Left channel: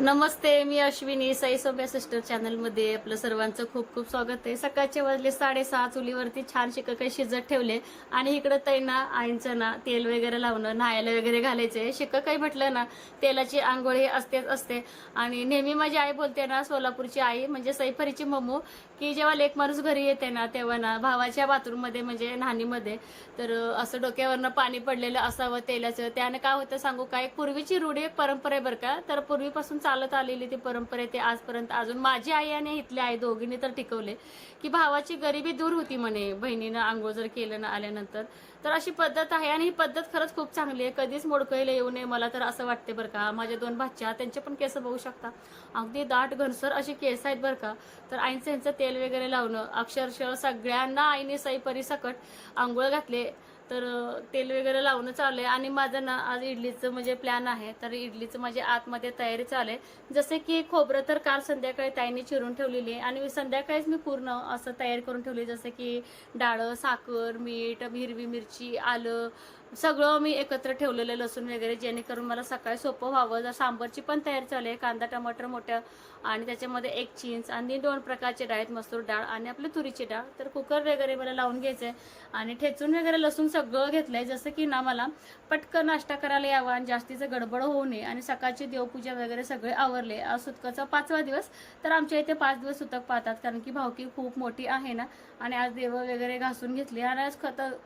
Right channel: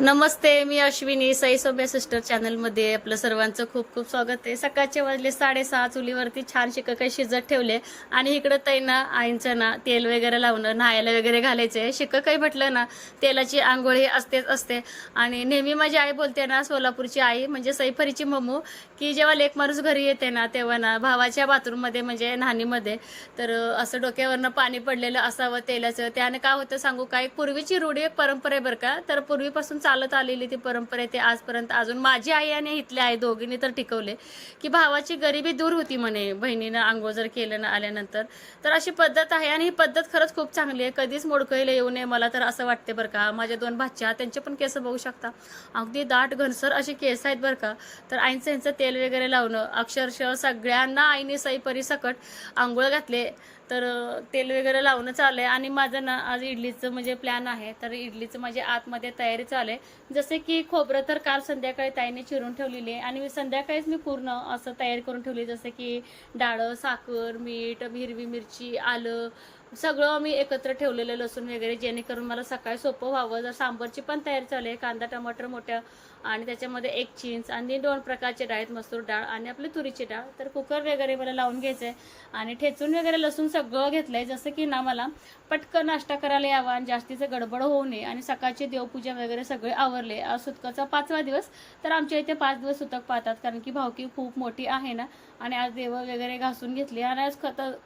नमस्ते मी अश्विनी साई सोब्या सिस्टर चॅनलमध्ये आपलं सर्वांचं खूप खूप स्वागत आहे. सकाळचे वाजले साडेसहा चुलीवरती छान शिक काही शिजत ठेवले. आणि इकडं ताई ना आईंचं ना तेल वगैरे लावणं न्हायला वगैरे घालायचे. शिक काही म्हटलं ना तेलाची आंघोळी असतेच असते. आणि नेहमी माझी आई बोलते ना सोलापूरची आई म्हणजे सैफरीची मम्मू की जेव्हा लेक माणूस घरी येते ना तेव्हा ना भावाच्या बाथरूममध्ये म्हणजे न्हाणीमध्ये तर असं डोक्यावरनं पाणी पडलेलं असावं तेलाचं. त्याने काय होतं सांगू काय एक पूर्वीची रूढी एक परंपरा आहे बरं का? तर पूर्वीपासून चालत आलेली ती परंपरा आहे ते आजपर्यंत अजून माझी आई आणि इथली आई दोघींनी तर टिकवले. की भावाची गरिबी दूर होती म्हणे बहिणीनं आंघोळ जर केलं ना आल्यानंतर. तर अशी पद्धत आहे आणि ही पद्धत खरंच खूप चांगली आहे. कधीच मोडकळीला येऊ नये मला तर असं वाटते बरं का. माझ्या दोन भाच्या त्यांचे पण केस बघू शकता. अगदी दाट घनसर असे केस आहेत बरं का. तर आईंचं यांचं ते तेल वगैरे लावणं अक्षरशः सगळ्यांना आईने सईपरी सकट आंघोळ घातले तर तेल वगैरे लावणं चालू आहे आणि माझं ना आज इडलीचं म्हणजे प्लॅन आहे तर इडलीचं माझे आतमध्ये तयारी चालू आहे. जसे की खोबरं तर काल संध्याकाळी ताईने चिरून ठेवलेली आहे. आणि संध्याकाळीच मी पूर्ण असं तयारी करून ठेवली जसं की डाळं साखर मीठ हिरवी मिरची आलं सगळं मी एकत्र ठेवलेलं लसूण वगैरे जेणेकरून मला सकाळी सोपं व्हावं. जर सांबरची पण तयारी चालू आहे कांदा टमाटर मोठ्या आणि त्याच्यामध्ये एक चिंच आणि दोन प्रकारचे डाळ आहेत मसूर डाळ आणि आपली तुरीची डाळ. तर कुकर वगैरे मला लावून घ्यायचं आहे आणि ठेचून वगैरे लसूण सगळं घेतलंय जसं की ना मला. पटकन नाश्ता करायला यावा आणि जास्तीचं गडबड होऊ नये आणि सकाळची देवपूजा वगैरे सगळे आवरले. आज सुतकाचा पाचवा दिवस तर आमच्या इथे पाच दिवस सुतक पाहतात कारण की भावकी खूप मोठी आहे ना. आणि आज देव वगैरे घासून घेतली आणि आज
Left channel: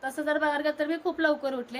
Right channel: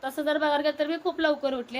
तसं जर बघायला तर मी खूप लवकर उठले.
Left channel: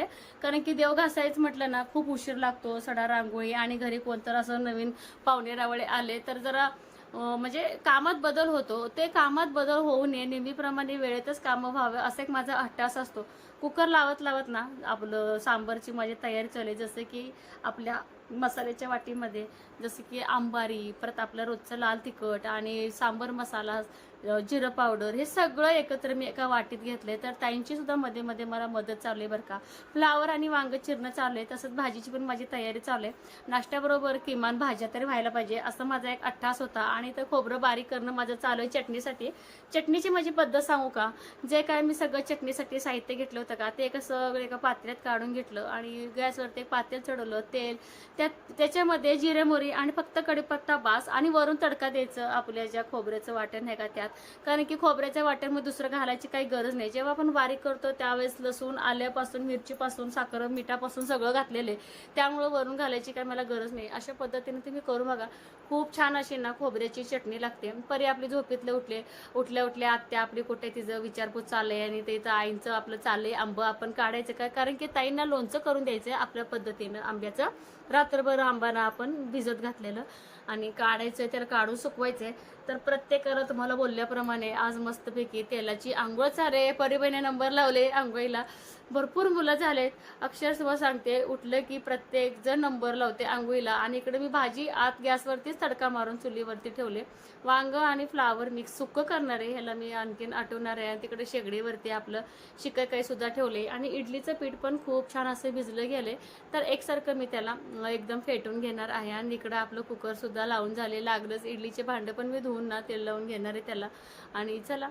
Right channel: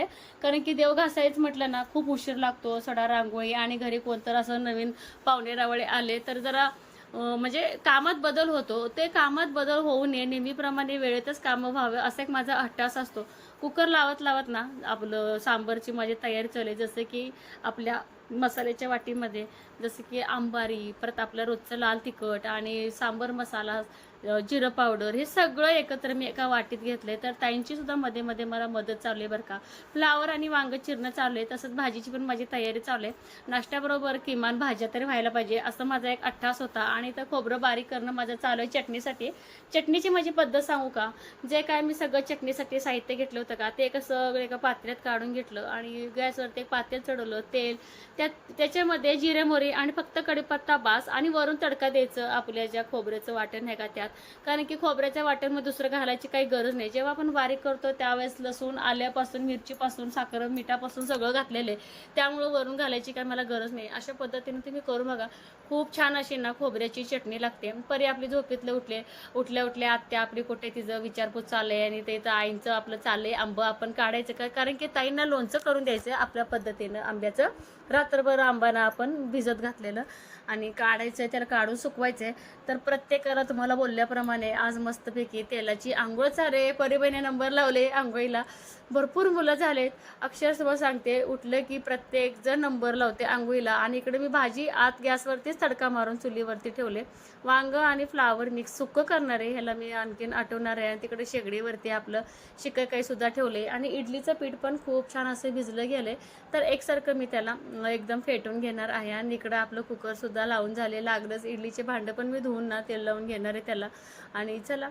कारण की देव घासायच म्हटलं ना खूप उशीर लागतो सडा रांगोळी आणि घरी कोणतं असं नवीन पाहुणे रावळे आले तर जरा म्हणजे कामात बदल होतो. ते कामात बदल होऊ नये नेहमीप्रमाणे वेळेतच कामं व्हावे असा एक माझा हट्टास असतो. कुकर लावत लावत ना आपलं सांबरची माझी तयारी चले जसं की आपल्या मसाल्याच्या वाटीमध्ये जसं की आंबारी परत आपलं रोजचं लाल तिखट आणि सांबर मसाला जिरं पावडर हे सगळं एकत्र मी एका वाटीत घेतलंय. तर ताईंची सुद्धा मध्ये मध्ये मला मदत चालू आहे बरं का. फ्लावर आणि वांग चिरणं चालू आहे तसंच भाजीची पण माझी तयारी चालू आहे. नाश्त्याबरोबर किमान भाज्या तरी व्हायला पाहिजे असं माझा एक अट्ठास होता. आणि तर खोबरं बारीक करणं माझं चालू आहे चटणीसाठी. चटणीची माझी पद्धत सांगू का? जे काय मी सगळं चटणीसाठी साहित्य घेतलं होतं का ते एका सगळं एका पात्र्यात काढून घेतलं आणि गॅसवरती एक पातेल चढवलं तेल. त्यात त्याच्यामध्ये जिरे मोरी आणि फक्त कढीपत्ता बास आणि वरून तडका द्यायचं आपल्या ज्या खोबऱ्याचं वाटण आहे का त्यात. कारण की खोबऱ्याच्या वाट्यामध्ये दुसरं घालायची काही गरज नाही. जेव्हा आपण बारीक करतो त्यावेळेस लसूण आल्यापासून मिरचीपासून साखर मिठापासून सगळं घातलेलं आहे. त्यामुळं वरून घालायची काही मला गरज नाही. अशा पद्धतीने तुम्ही करू बघा. खूप छान अशी ना खोबऱ्याची चटणी लागते. परी आपली झोपेतले उठले उठल्या उठल्या आत्या आपली कुठे तिचं विचारपूस चाललंय आणि ते आईंचं आपलं चाललंय आंबं आपण काढायचं का? कारण की ताईंना लोणचं करून द्यायचं आपल्या पद्धतीनं. आंब्याचं रात्रभर आंबाना आपण भिजत घातलेलं आणि काढायचं त्याला काढून सुकवायचंय. तर प्रत्येकाला तुम्हाला बोलल्याप्रमाणे आज मस्तपैकी तेलाची आंघोळ चाले परिबने नंबर लावले आंघोळीला. भरपूर मुलं झालेत अक्षरशः सांगते उठलं की प्रत्येक जण नंबर लावते आंघोळीला. आणि इकडे मी भाजी आत गॅसवरतीच तडका मारून चुलीवरती ठेवले. वांग आणि फ्लावर मिक्स सुक्क करणार आहे. ह्याला मी आणखीन आठवणार आहे. आणि तिकडे शेगडीवरती आपलं शिकं काही सुद्धा ठेवले. आणि इडलीचं पीठ पण खूप छान असं भिजलं गेले तर एकसारखं मी त्याला एकदम फेटून घेणार आहे. आणि इकडं आपलं कुकर सुद्धा लावून झाले. लागलंच इडलीचे भांडं पण मी धुवून ना तेल लावून घेणार आहे त्याला. आणि चला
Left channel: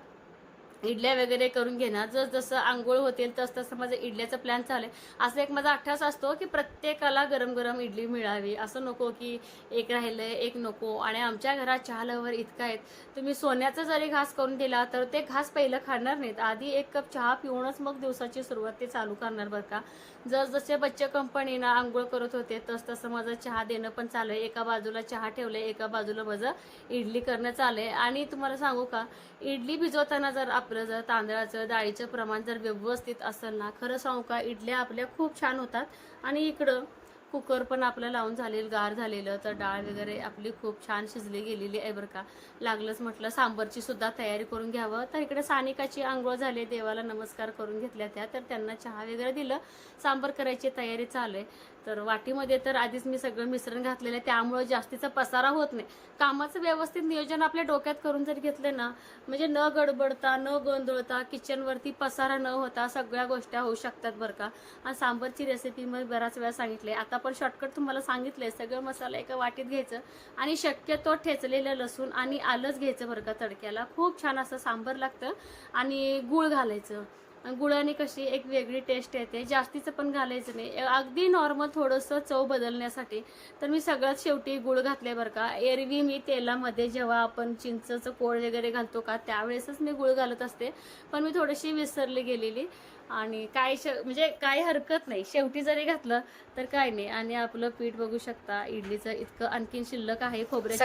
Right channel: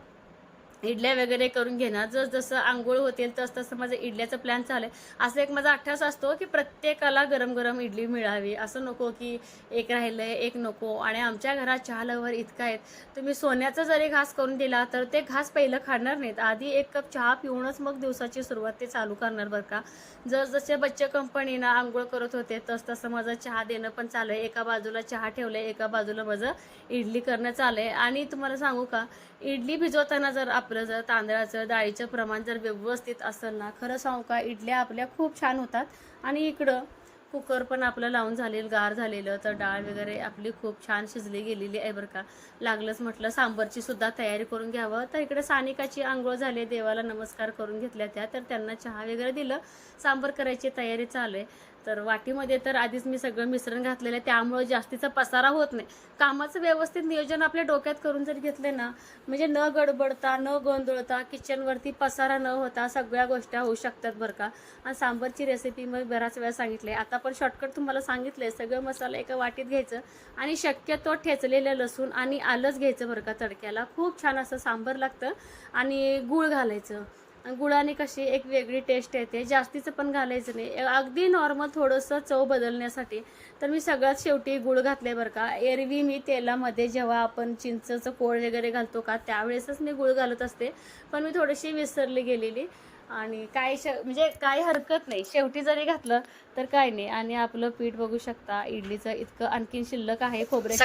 इडल्या वगैरे करून घेणार जस जसं आंघोळ होतील तस तसं माझं इडल्याचा प्लॅन चालू आहे. असं एक माझा अठ्ठास असतो की प्रत्येकाला गरम गरम इडली मिळावी. असं नको की एक राहिलंय एक नको. आणि आमच्या घरात चहा लवर इतका आहेत. तुम्ही सोन्याचा जरी घास करून दिला तर ते घास पहिलं खाणार नाहीत. आधी एक कप चहा पिऊनच मग दिवसाची सुरुवात ते चालू करणार बरं का. जस जसे बच्चे कंपनीनं आंघोळ करत होते तस तसं माझं चहा देणं पण चालू आहे. एका बाजूला चहा ठेवलंय एका बाजूला माझं इडली करणं चालू आहे. आणि तुम्हाला सांगू का इडली भिजवताना जर आपलं जर तांदळाचं डाळीचं प्रमाण जर व्यवस्थित असेल ना खरं सांगू का इडल्या आपल्या खूप छान होतात. आणि इकडं कुकर पण आपलं लावून झालेलं गार झालेलं तर डाळ वगैरे आपली खूप छान शिजली गेलेली आहे बरं का. लागलंच म्हटलं सांबरची सुद्धा तयारी करून घ्यावं. तर इकडे सानिकाची आंघोळ झाली देवाला नमस्कार करून घेतल्या त्या तर त्यांना चहा वगैरे दिलं. सांबर करायची तयारी चालू आहे. तर वाटीमध्ये तर आधीच मी सगळं मिश्रण घातलेलं आहे. त्यामुळे जास्तीचा पसारा होत नाही. कामाचं व्यवस्थित नियोजन आपल्या डोक्यात करून जर घेतले ना म्हणजे न गडबडता न गोंधळता किचनवरती पसारा न होता सगळ्या गोष्टी होऊ शकतात बरं का. आणि सांबरची रेसिपी मी बऱ्याच वेळा सांगितले. आता पण शॉर्टकट तुम्हाला सांगितलंय सगळं मसाला एका वाटीत घ्यायचं आणि शक्यतो ठेचलेलं लसूण आणि आलंच घ्यायचं बरं का तडक्याला. खूप छान असं सांबर लागतं आणि गूळ घालायचं. गुळाने कशी एक वेगळी टेस्ट येते. जास्तीचं पण घालायचं नाही. अगदी नॉर्मल थोडंसं चव बदलण्यासाठी तर मी सगळ्यात शेवटी गुळ घातले बरं का. एरवी मी तेलामध्ये जेव्हा आपण चिंचचं कोळ वगैरे घालतो का त्यावेळेसच मी गुळ घालत असते. पण मी थोडीशी विसरली गेलेली आणि काय श म्हणजे काही हरकत नाही. शेवटी जरी घातलं तर काय नाही. आणि आपलं पीठ बघू शकता इडलीचं इतकं आणखीन शिल्लक आहे. खोबऱ्याची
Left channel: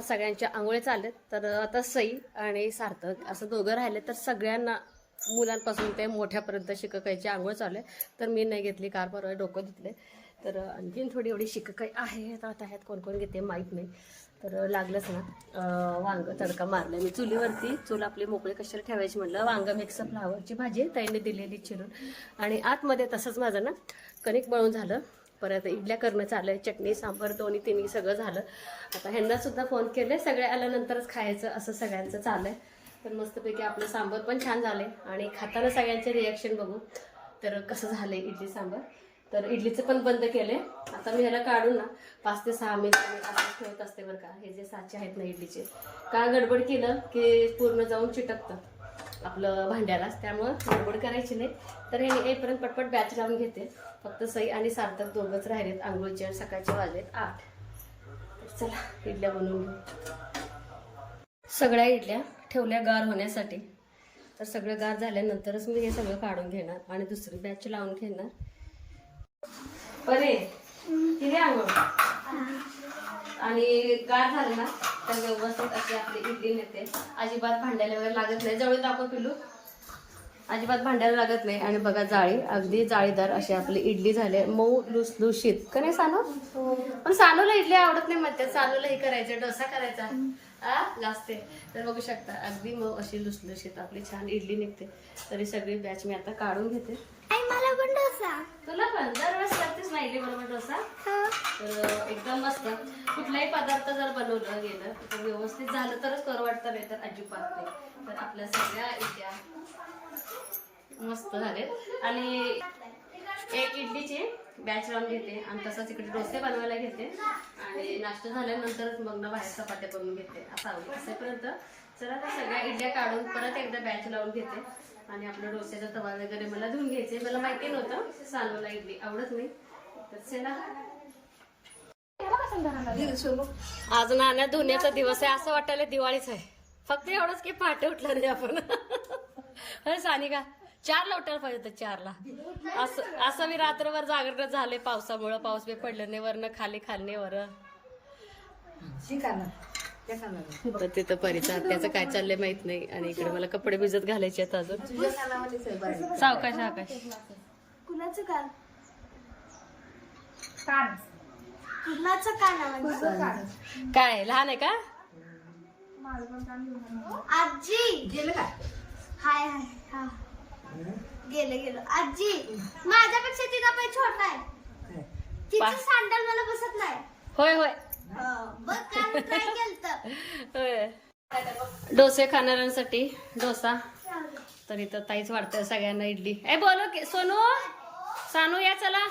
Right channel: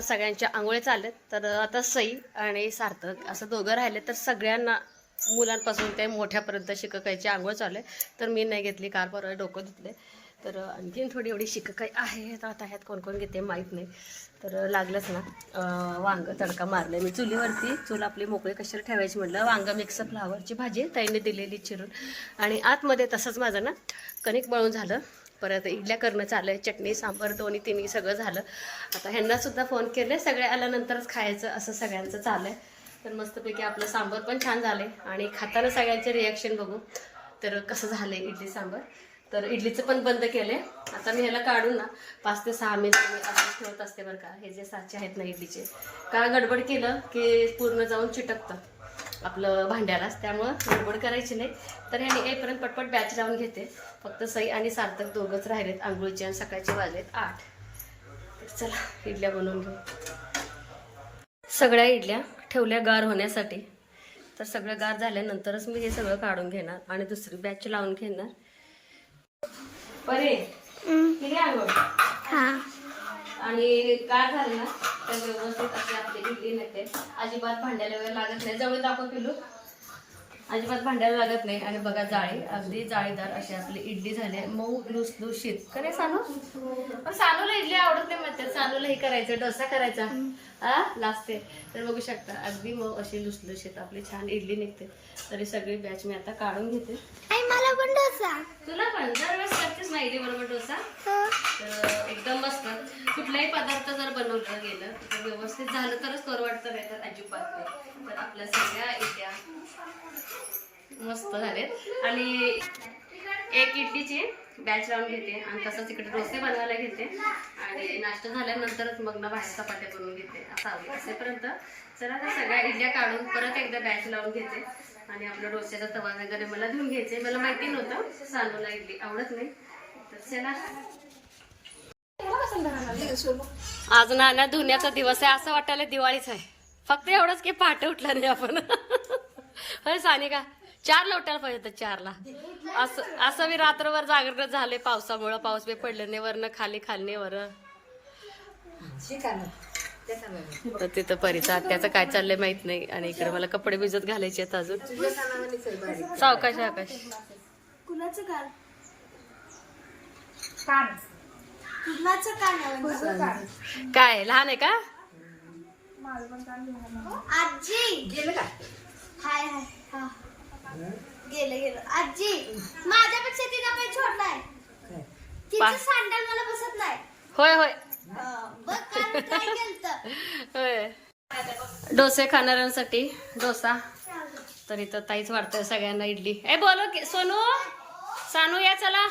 सगळ्यांच्या आंघोळे चाललेत तर आता सई आणि सार्थक असं दोघं राहिले तर सगळ्यांना मुलांपासून ते मोठ्यापर्यंत शिककायची आंघोळ चालू आहे. तर मी नाही घेतली कार परवा डोकं धुतले. तर आणखीन थोडी एवढी शिककाई आहे आता ह्यात कोण कोण घेते माहीत नाही. तर लागलंच ना. वांगं वांग तडका मारलं मी. चुलीवरती चूल आपली मोकळी कशाला ठेवायची म्हटलं? वांग मिक्स फ्लावरची भाजी ताईने दिलेली चिरून. आणि आतमध्ये तसंच माझं ना कणिक मळून झालं. परत इडल्या करणं चालू आहे चटणी सांबार दोन्ही तिन्ही सगळं झालं. आता ह्यांनासुद्धा फोन केले. सगळे आल्यानंतरच खायचं असं सगळ्यांचं चालू आहे तर मस्तपैकी आपलं सांबर पण छान झाले आणि खाताना सगळ्यांचे रिॲक्शन बघू. तर कसं झालंय इडली सांबर? तर इडलीचं पण बंद केले आता मी ह्याला काढून ना पाच ते सहा मिनिट मी असंच ठेवत असते बरं का. हे जे साचे आहेत ना इडलीचे. का गडबड केलं की पूर्ण जाऊन चिटकतं आपलं भांड्यालाच त्यामुळं गडबड करायची नाही. तर ह्याने येईपर्यंत पटपट बॅच लावून घेते. फक्त सई आणि सार्थक दोघंच राहिलेत. आंघोळीचे आणि सकाळचे वाजलेत आठ. तर चला इडल्या बनवून घेऊ. सगळ्या इडल्या ठेवल्या गार होण्यासाठी. तर सगळं गार झाल्यानंतरच मी हे सगळं काढून घेणार आणि दुसरी बॅच लावून घेणार. परे तिने आंघोळ आणि गार झाले ना तर व्यवस्थित अशी आपली इडली मिळते. अजिबात भांड्याला वगैरे लागत नाही. जवळ दाखव पिलू अजिबात भांड्याला लागत नाही. आणि बघा जाळी. अगदी जाळीदार अशी आपली इडली झाली मऊ लुसलुशीत. का नाही सानू? पण सानूला इडली आवडत नाही म्हणते सानूला हे करायचं डोसा करायचा. हा? लाजते तर बघू शकता अगदी मऊ अशी लुसलुशीत आपली छान इडली निघते. तरी सगळी बॅच मी आता काढून घेते. डोसा. तुला पण दरवेळेस करतेस ना इडली बरोबर डोसा? तर एकदम मस्त. कुठलाही पदार्थ जर बनवलं गेलं तर व्यवस्थित झालं तरच करू वाटतं नाही तर अजिबात तर आपल्या सगळ्या इड्या मस्त झालेत. आणि एक इडलीची बॅच लावून घेते आणि तसंच इकडे डोसे बनवायला घेते. आणि नाश्ता झाल्यानंतरच मग ना बाहेर चपात्या बनवून घेते. असं असेपर्यंत. चला त्या सगळ्या इडल्या काढून परत एकदा बॅच लावून घेते. आणि आपलं डोस्याचा तवा वगैरे मला धुवून घ्यायचे मला माहिती नव्हतं. सानूला इडली. आवडत नाही. तर चला. आज नाण्या धुण्याचा दिवस आहे. असं वाटायला दिवाळीच आहे. फक्त एवढंच की पहाटे उठला नाही आपण. होय सानिका? चारला उठायला पाहिजे होतं चारला असं असं मी रात्रभर जागरण झाले पावसामुळं. पाऊस बी पडलं नाही. वरनं खाली खाली वर. तर तिथं परीचा त्याचं काय चाललंय माहीत नाही. आणि इकडे मला कपडे भिजत घालायचे आहेत अजून. सावकाश आकाश. कुणाचं कान? कान. कुणाचं कान काय लहान आहे का? आजी. गेलं का? हाय हाय. हा. गेलं गेलं. आजी माझ्यापेक्षा तिचा पाय छोटा आहे. तिचं सँडल मला बसत नाही. होय होय. होय. डोसे खाणाऱ्यांसाठी डोसा. तर इथं ताईच वाढतंय सगळ्यांना इडली. ए बोलो की सोनू सानू या चला.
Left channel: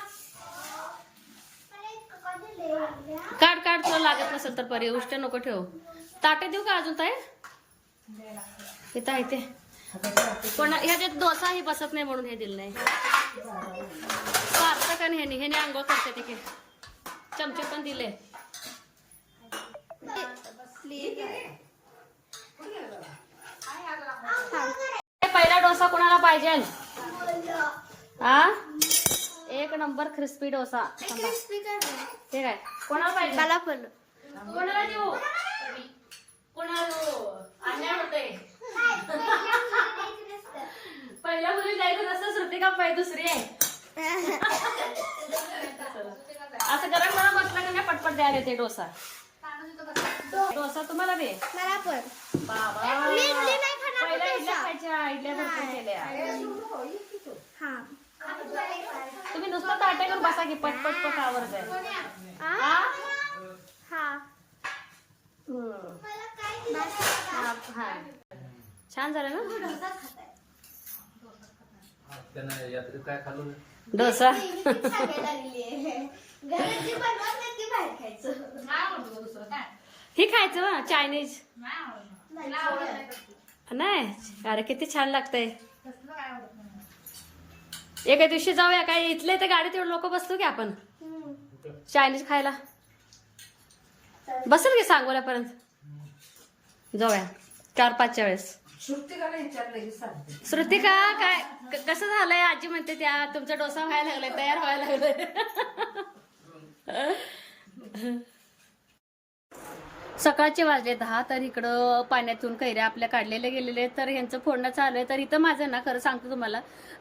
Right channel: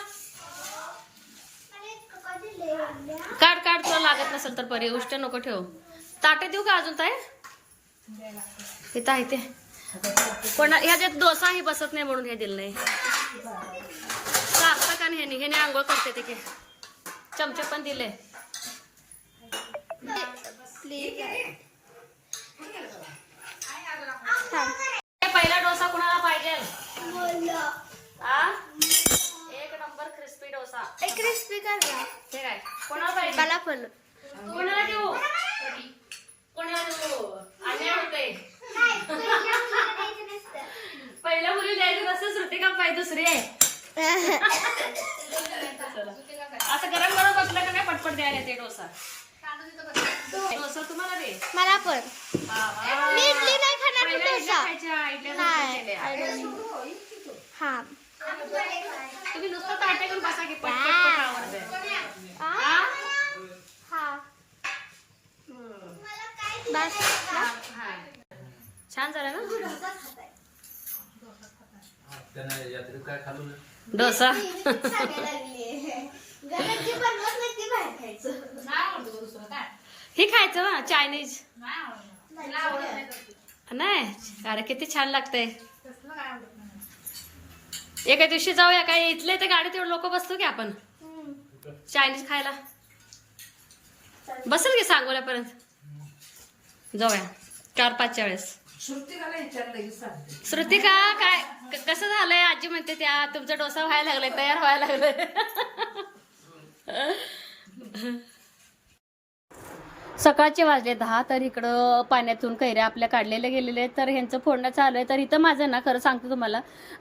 काढ काढ तुला लागत नसेल तर परी उष्ट नको ठेव. ताटे देऊ का अजून ताई? इथं आहे ते. पण ह्याच्यात डोसाही बसत नाही म्हणून हे दिलं नाही. सार्थक आणि ह्याने ह्याने आंघोळ करते तिथे चमचे पण दिले. प्लीज पहिला डोसा कोणाला पाहिजे? हा? एक नंबर क्रिस्पी डोसा. एक क्रिस्पी कर काय? कोणाला पाहिजे? मला पण. कोणाला देऊ? कोणाला देऊ? अन्याय होतंय पहिल्या मुली द्यायचं नसतं श्रुतिका पाहिजे दुसरी आहे. असं गरम गरम बसलं का नाही पटपट द्यायला ते डोसा? डोसा तुम्हाला दे मला पण मी इडली नाही खाणार पण डोसा. हा तुम्ही नुसतं ताटे घेऊन बसा की? हा? हा. बस? हा. छान झालं ना? डोसा हे खायचं बा चायनीज. नाही अरे किती छान लागतंय. एका दिवशी जाऊया काय इथले ते गाडीत एवढे लोक बसतो की आपण? चायनीज खायला. बसेल की सांगोल्यापर्यंत? जाऊया चार पाचच्या वेळेस. श्रुतिका काय? क- कसं झालंय? आजी म्हणते त्या तुमचा डोसा व्हायला लागलाय तयार व्हायला लागलाय. सकाळचे वाजले दहा तर इकडं पाण्यातून कैऱ्या आपल्या काढलेल्या गेलेले तर ह्यांचं फोडणं चालू आहे. तर इथं माझं ना खरं सांगतो तुम्हाला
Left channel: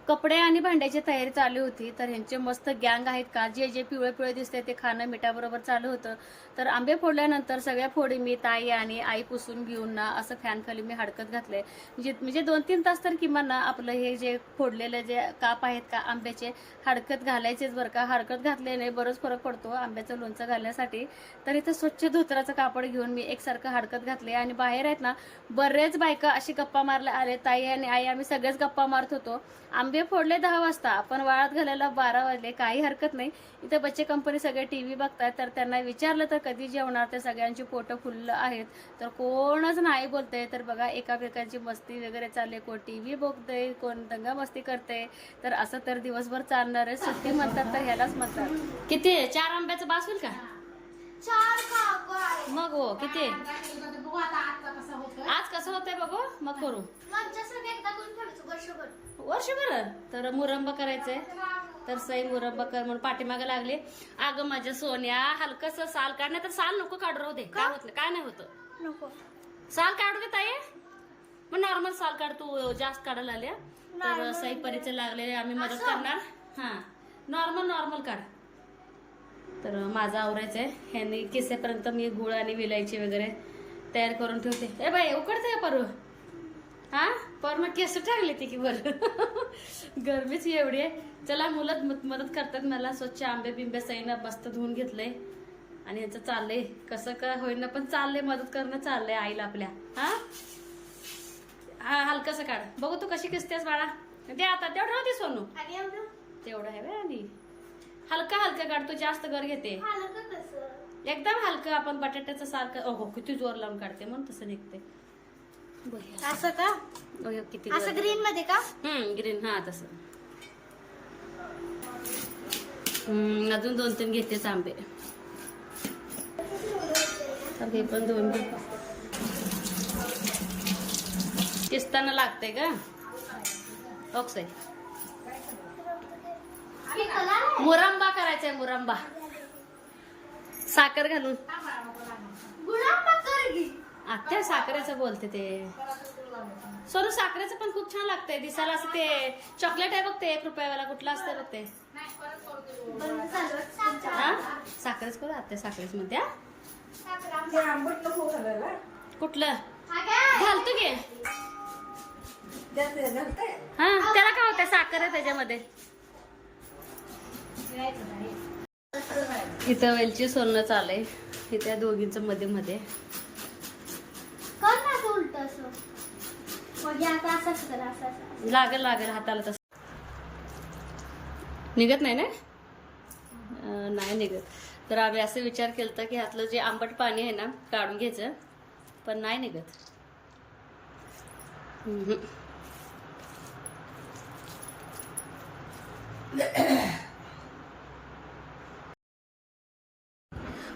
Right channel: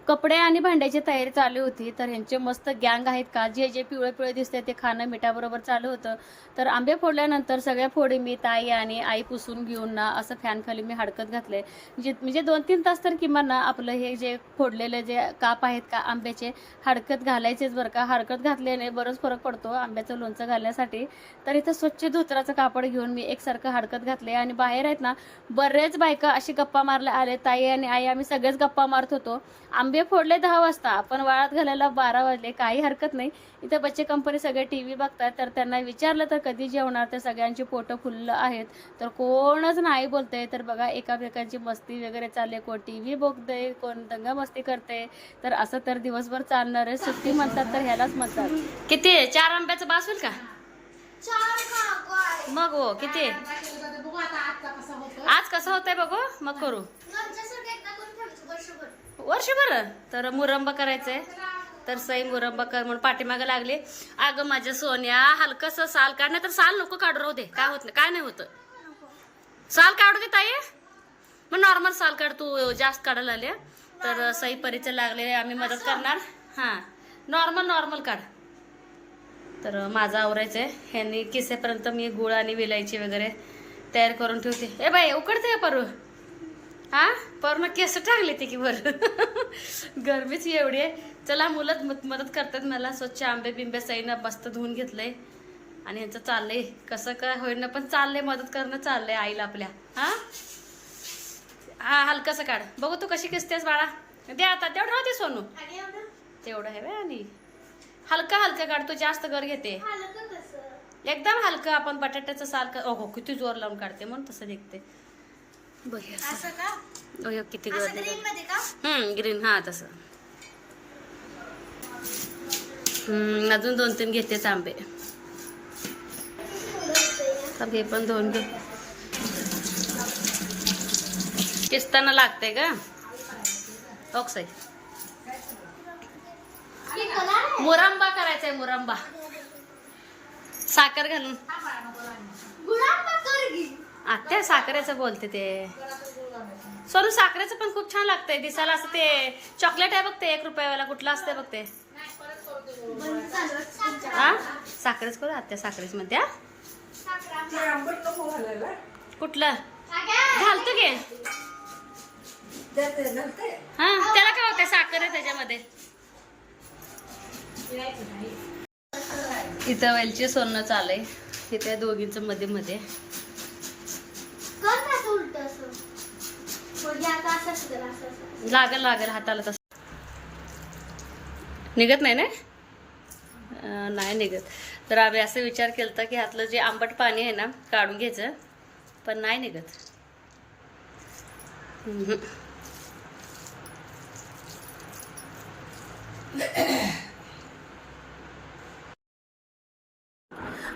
कपडे आणि भांड्याची तयारी चालू होती. तर ह्यांचे मस्त गँग आहेत का? जे जे पिवळे पिवळे दिसते ते खाणं मिठाबरोबर चालू होतं. तर आंबे फोडल्यानंतर सगळ्या फोडी मी ताई आणि आई पुसून घेऊन ना असं फॅनखाली मी हडकत घातले. म्हणजे म्हणजे दोन तीन तास तर किमान ना आपलं हे जे फोडलेले जे काप आहेत का आंब्याचे हडकत घालायचेच बरं का. हडकत घातल्याने बरंच फरक पडतो आंब्याचं लोणचं घालण्यासाठी. तर इथं स्वच्छ धोत्राचं कापड घेऊन मी एकसारखं हडकत घातले आणि बाहेर आहेत ना बरेच बायका अशी गप्पा मारल्या आले ताई आणि आई आम्ही सगळेच गप्पा मारत होतो. आंबे फोडले दहा वाजता पण वाळात घालायला बारा वाजले काही हरकत नाही. इथं बच्चे कंपनी सगळे टी व्ही बघतात तर त्यांना विचारलं तर कधी जेवणार? तर सगळ्यांची पोटं फुललं आहेत. तर कोणच नाही बोलते तर बघा एकामेकांची मस्ती वगैरे चालले कोण टी व्ही बघते कोण दंगा मस्ती करते तर असं तर दिवसभर चालणार आहे. सुट्टी म्हणतात तर ह्यालाच म्हणतात. किती आहे? चार आंब्याचं बास होईल का? मग हो किती? आज कसं होतंय बघू? मग करू. वर्षभर? तर मुरंबा करायचंय. तर सई मुरंबा कर म्हणून पाठीमागे लागली. अगं माझ्या सोन्या हलकस साल काढ नाही तर साल नको काढू राहू दे. काय होत नाही काय नाही होत. साल काढू दे ताई. मग नॉर्मल साल काढ तू जास्त काढायला आले तर सई परीचे लागले आम्ही मदत करणार. हां. नॉर्मल नॉर्मल काढ. तर माझं आवरायचंय. ह्यांनी किसेपर्यंत मी गुळ आणि विलायची वगैरे तयार करून ठेवते. ए बाई उकडते परू हा? पर्ण केस टाकले ते की वर गरमीच एवढी आहे. चला मुलं मदत करतात मला. स्वच्छ आंबे बिंबे सईनं मस्त धुवून घेतलंय. आणि यांचं चाललंय. कसं काय होईना पण चाललंय मदत करणं चाललंय आईला आपल्या. हा? हा हलकसं काढ. बघू तू कशी किसतेस बाळा. दे आता तेवढं राहते सोनू. तेवढं आहे बे आणि? हलका हलका काढ. तू जास्त घर घेते. एकदम हलकं आपण बटाट्याचं साल का हो किती जोर लावून काढते म्हणून तसं निघते. असं का? किती गर्दी ग्रीन मध्ये का? हम्म ग्रीन हा तसं. हम्म, अजून दोन तीन घेतेच आंबे हे पण दोन घेऊ. किसताना लागते का? आहे मुरंबा करायचा आहे मुरंबा. साखर घालून. आत्या साखरेचं बोलते ते. सोनू साखरेचं पण खूप छान लागतंय. दिसायला असं ते चॉकलेट आहे बघ ते एक रुपयावाला. कुठलं असतंय बघ ते. हा साखरेच करू? आत्या साखरेच म्हणते हा? कुठलं? घालतो घे हा त्याला काय होतंय? साखर आहे त्याच्यामध्ये. इथं वेलची सोनं चालय इथे दोघींचं मध्ये मध्ये कर ना असं उलट असं म्हणजे आता असं असं कर, असं असं लागल लागल हाताला तसं. निघत नाही ना? नाही निघत. तर आम्ही असं विचार केला की हातलं जे आंबट पाणी आहे ना काढून घ्यायचं पण नाही निघत.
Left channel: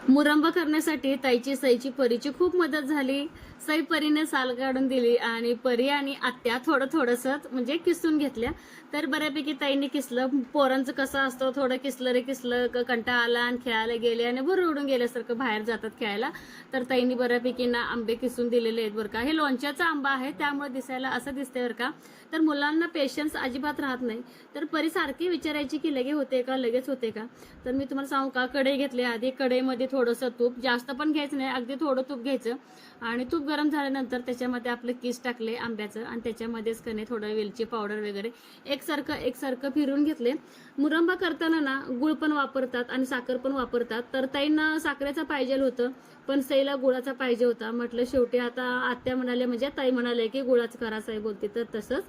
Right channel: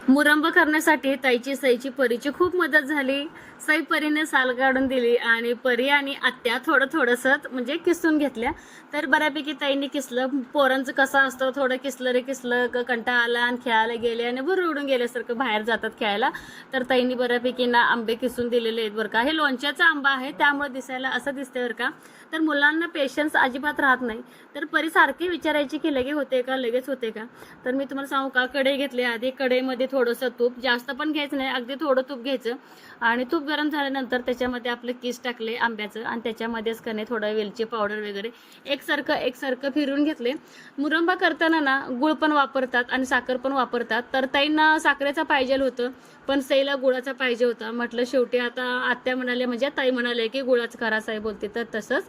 मुरंब करण्यासाठी ताईची सईची परीची खूप मदत झाली. सई परीने साल काढून दिली आणि परी आणि आत्या थोडं थोडंसं म्हणजे किसून घेतल्या. तर बऱ्यापैकी ताईने किसलं. पोरांचं कसं असतं? थोडं किसलं रे किसलं. कंटा कंटाळा आला आणि खेळायला गेले आणि बरं उडून गेल्यासारखं बाहेर जातात खेळायला. तर ताईने बऱ्यापैकी ना आंबे किसून दिलेले आहेत बरं का. हे लोणच्याचा आंबा आहे. त्यामुळे दिसायला असं दिसतंय बरं का. तर मुलांना पेशन्स अजिबात राहत नाही. तर परी सारखी विचारायची की लगे होते का? लगेच होते का? तर मी तुम्हाला सांगू का? कढई घेतली आधी. कढईमध्ये थोडंसं तूप. जास्त पण घ्यायचं नाही. अगदी थोडं तूप घ्यायचं. आणि तूप गरम झाल्यानंतर त्याच्यामध्ये आपलं किस टाकले आंब्याचं आणि त्याच्यामध्येच कने थोडं वेलची पावडर वगैरे. एकसारखं एकसारखं फिरून घेतले. मुरंबा करताना ना गुळ पण वापरतात आणि साखर पण वापरतात. तर ताईंना साखरेचा पाहिजे होतं पण सईला गुळाचा पाहिजे होता. म्हटलं शेवटी आता आत्या म्हणाले म्हणजे ताई म्हणाले की गुळाचं करा साई बोलते. तर तसंच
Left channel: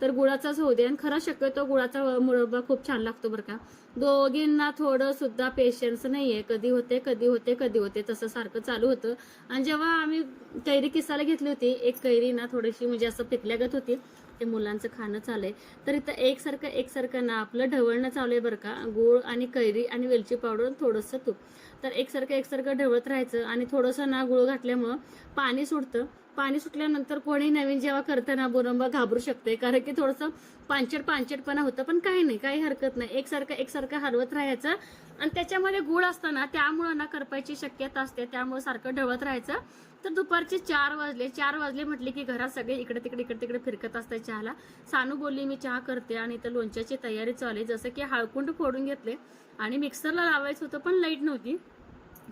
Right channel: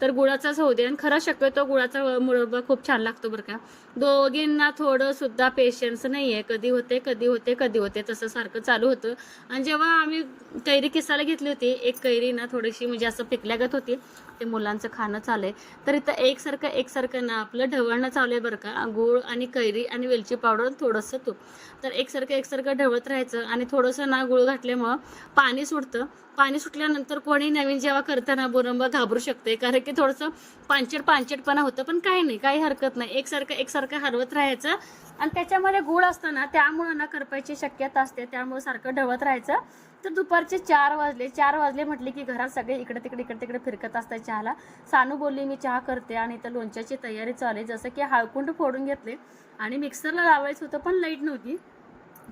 तर गुळाचाच होऊ दे. आणि खरं शक्यतो गुळाचा मुरब्बा खूप छान लागतो बरं का. दोघींना थोडं सुद्धा पेशन्स नाही आहे कधी होते कधी होते कधी होते. तसं सारखं चालू होतं. आणि जेव्हा आम्ही कैरी किसायला घेतली होती एक कैरी ना थोडीशी म्हणजे असं पिकल्यागत होती. ते मुलांचं खाणं चालू आहे तर इथं एकसारखं एकसारखं ना आपलं ढवळणं चालू आहे बरं का. गूळ आणि कैरी आणि वेलची पावडर थोडंसं तूप. तर एकसारखं एकसारखं ढवळत राहायचं आणि थोडंसं ना गुळ घातल्यामुळं पाणी सुटतं. पाणी सुटल्यानंतर कोणी नवीन जेव्हा करताना बोरंबा घाबरू शकते कारण की थोडंसं पांचट पांचटपणा होतं. पण काही नाही काही हरकत नाही. एकसारखं एकसारखं हरवत राहायचं. आणि त्याच्यामध्ये गुळ असतं ना त्यामुळं ना करपायची शक्यता असते. त्यामुळं सारखं ढवळत राहायचं. तर दुपारचे चार वाजले. चार वाजले म्हटले की घरात सगळे इकडे तिकडे इकडे तिकडे फिरकत असतात चहाला. सानू बोलली मी चहा करते आणि इथं लोणच्याची तयारी चालू आहे. जसं की हळकुंड फोडून घेतले आणि मिक्सरला लावायचं होतं पण लाइट नव्हती.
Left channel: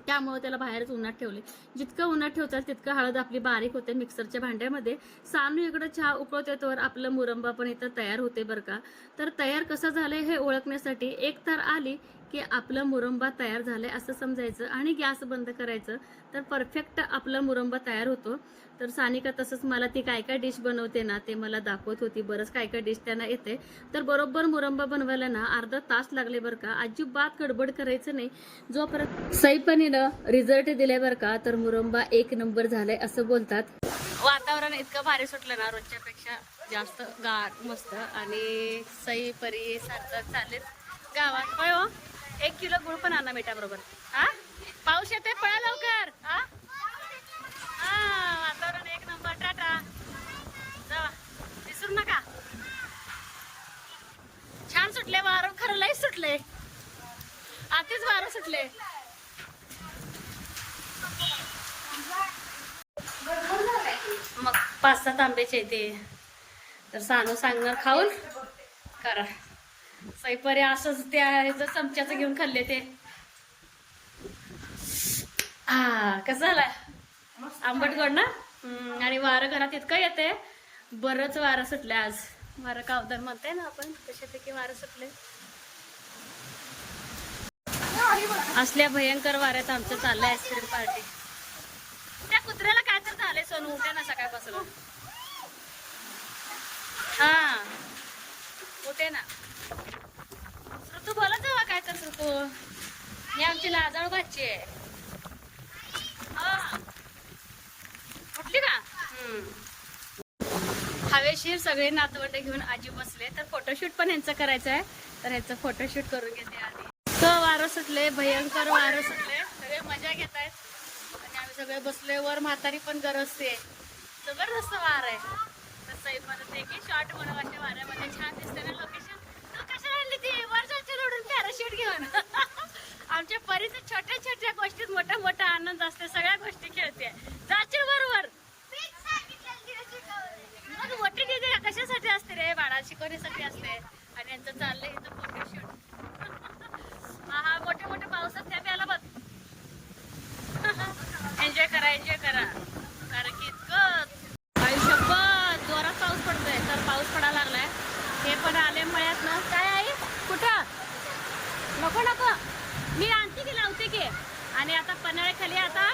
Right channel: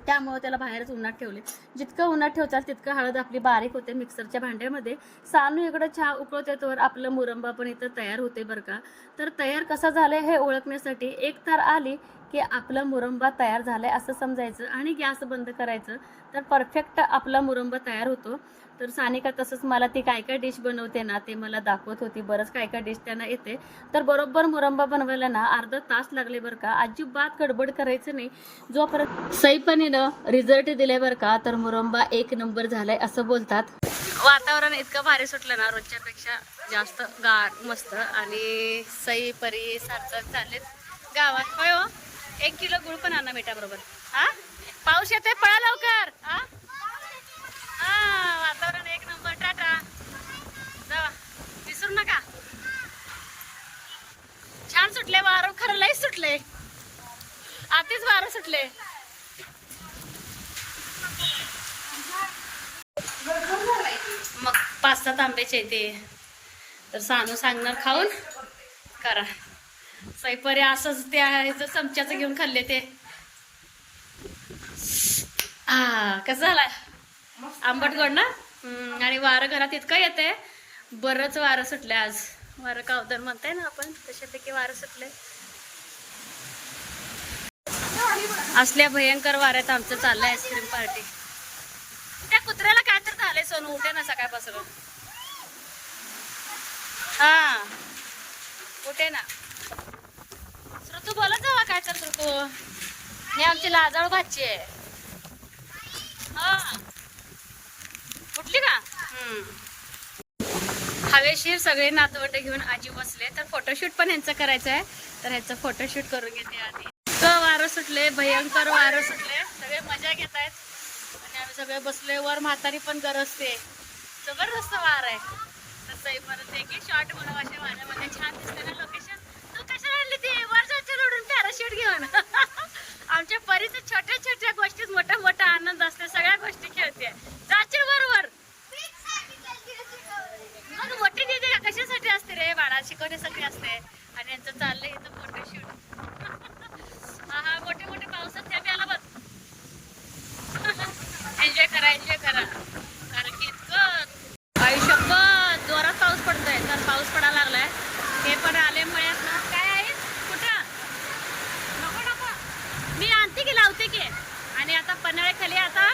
त्यामुळे त्याला बाहेरच उन्हात ठेवले. जितकं उन्हात ठेवतात तितकं हळद आपली बारीक होते मिक्सरच्या भांड्यामध्ये. सानू इकडं चहा उकळते तर आपलं मुरंबा पण इथं तयार होते बरं का. तर तयार कसं झालं हे ओळखण्यासाठी एक तर आली की आपला मुरंबा तयार झालाय असं समजायचं आणि गॅस बंद करायचं तर परफेक्ट आपला मुरंबा तयार होतो. तर सानिका तसंच मला ती काय काय डिश बनवते ना ते मला दाखवत होती. बरंच काय काय डिश त्यांना येते. तर बरोबर मुरंबा बनवायला ना अर्धा तास लागले बरं का. अजिबात गडबड करायचं नाही. जोपर्यंत सईपणीनं रिझल्ट दिले बरं का तर मुरंबा एक नंबर झालाय असं बोलतात. वातावरण इतकं भारी सुटलं ना रोजच्यापेक्षा जास्त गार मस्त. आणि सई परी सारखं चालेल गावात. होय हो. एक किलो गुळ पण आणा मिठा बरोबर हा? पाऊस येते पळा लवकर. हा? हा वातावरण एक नंबर टाटा. जावा विसरू नका. छान सुटले वारं खरं लय सुटले. आतीच वारं सुटले. मग पाच सात आंब्याचे ते. तर सानू सांगणार खाऊन. करा. सैपरी असंच ते ह्याचं चमच्याचं घेऊन खाल्ले ते. हा कसं झालाय? आंबट गोड ना? आणि वारं घरात इतकं येते बरंच वारं सुटलं आज. वारं कावदन म्हणताय ना आपण तशापैकी वारं सुटले असल्या भयंकर वाऱ्यात आमचं चाललंय आईस्क्रीम पार्टी त्या कुत्र्याला काय तर झालंय सोनू. उठे ना सकाळपासून. हा. उठे ना. तू बोलत जावा काय करतो तू. हे आमची लाजाळ भाची आहे. हा. उठली का? हम्म. हवेशीर सगळे नातवंड घेऊन आजी बसले. तर फोटोशूट पण यांचं करायचं आहे. तर ह्याचं फोटोशूट करून घेते आधी. क वारं सुटले भयंकर वारं सुटले. सगळे मजा घेत आहेत. आणि आम्ही सगळे बसले. वर म्हातारी पण गरजते. जबरदस्त वार आहे. तर सई परत की शॉर्ट म्हणून अशा वाऱ्यामध्ये छान दिसते ना लोकेशन? तू ती वर जायचं रोडून पॅराशूट घेऊन. आमच्या परीच्या छोट्या छोट्या गोष्टीत मोठा मोठा आनंद असते सगळ्या गोष्टी खेळते. जाचे बरोबर. मग मोठी दिदी कशासाठी असते रे? बाळा शिकवण्यासाठी असते. आणि यांचं चाललंय इथं फोटोशूट हा हा मोठे मोठे पावसात त्या आला बघ. एन्जॉय करा एन्जॉय करा. कारण की इतकं आयुष्यभर जोरात पाऊस पडतोय. तर पाऊस पडायला लागलाय. हे पण आले मळ्यात ना काय कुठं नको नको. मी आणते की लावते की? आणि आता पन्हाळ्याखाली आता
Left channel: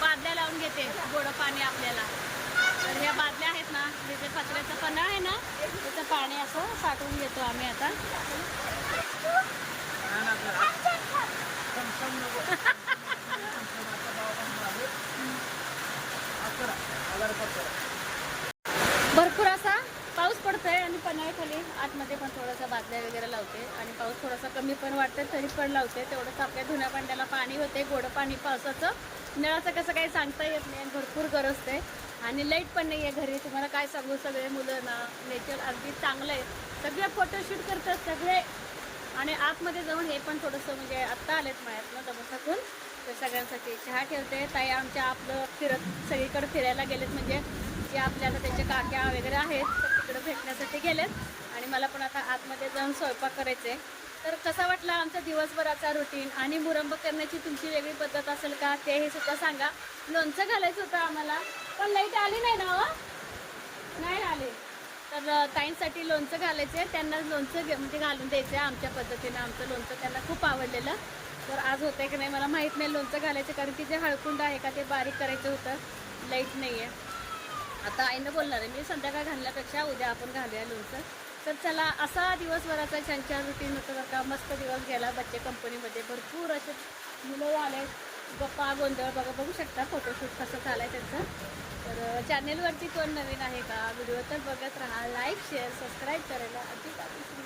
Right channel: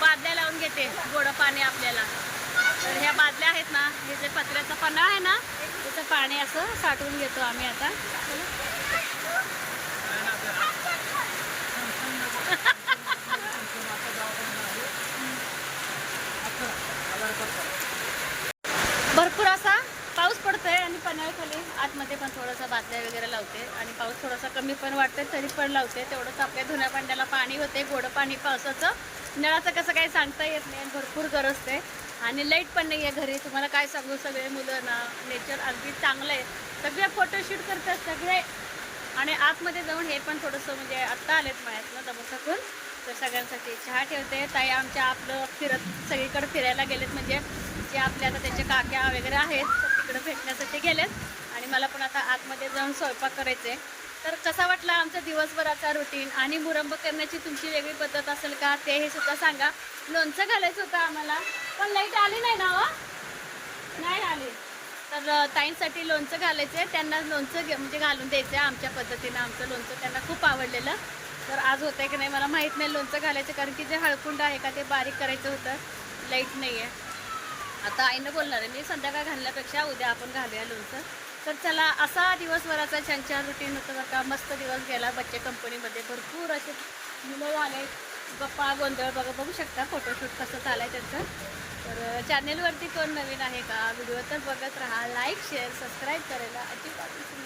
बादल्या लावून घेते गोडं पाणी आपल्याला. तर ह्या बादल्या आहेत ना हे जे पत्र्याचं पन्हाळ आहे ना त्याचं पाणी असं साठवून घेतो आम्ही आता. भरपूर असा पण आहे खाली आतमध्ये पण थोडंसं बादल्या वगैरे लावते आणि पाऊस थोडासा कमी पण वाटते तरी पण लावते. तेवढंच आपल्या धुण्यापांड्याला पाणी होते गोडं पाणी पावसाचं. नळाचं कसं काही सांगता येत नाही आणि भरपूर गरजते आणि लाइट पण नाही आहे घरी. तुम्हाला काय सांगू सगळे मुलं ना नेचर अगदी चांगलं आहे सगळे फोटोशूट करतात सगळे. आणि आतमध्ये जाऊन हे पण थोडंसं म्हणजे आत्ता आलेत मायात ना दमसाकून तर सगळ्यांसाठी चहा ठेवते. ताई आमच्या आपलं फिरत सगळीकडे फिरायला गेलेत. म्हणजे जे आपल्या आता त्याच्या काक्या वगैरे आहेत इकडं भेटण्यासाठी गेलेत आणि मला पण आता आतमध्ये जाऊन स्वयंपाक करायचे तर कसा वाटला आमचा दिवसभराचा रुटीन आणि मुरंब करण्याची तुमची वेगळी पद्धत असेल का ते हे सुद्धा सांगा. लोणचं घालायचं होतं आम्हाला पण लाइट आली नाही ना वा नाही आली. तर ताईंसाठी लोणचं घालायचं आहे त्यांना लोणचं घे- म्हणजे घालून द्यायचं आहे आमच्या पद्धतीनं. आमचं लोणचं त्यांना खूप आवडलेलं. तर आज होतंय की नाही मला माहीत नाही लोणचं घालायचं कारण की जे हळकुंड आहे का ते बारीक करायचं होतं. लाइट नाही आहे आता आईनं बोलणार आहे मी संध्याकाळ घालण्यापेक्षा उद्या आपण घालूया लोणचं. तर चला असा दिवसभराचा छान छान रुटीन होतं बरं का. मस्त दिवस गेला बच्चे कंपनीमध्ये भरपूर असे मुलं आले गप्पा गोंधळ बघा बघू शकता फोटोशूट कसं चालाय त्यांचं. तर चॅनेलवरती कोण नवीन आहे का? व्हिडिओ तर बघत राहा. लाईक शेअर सबस्क्राईब करायला अजिबात विसरू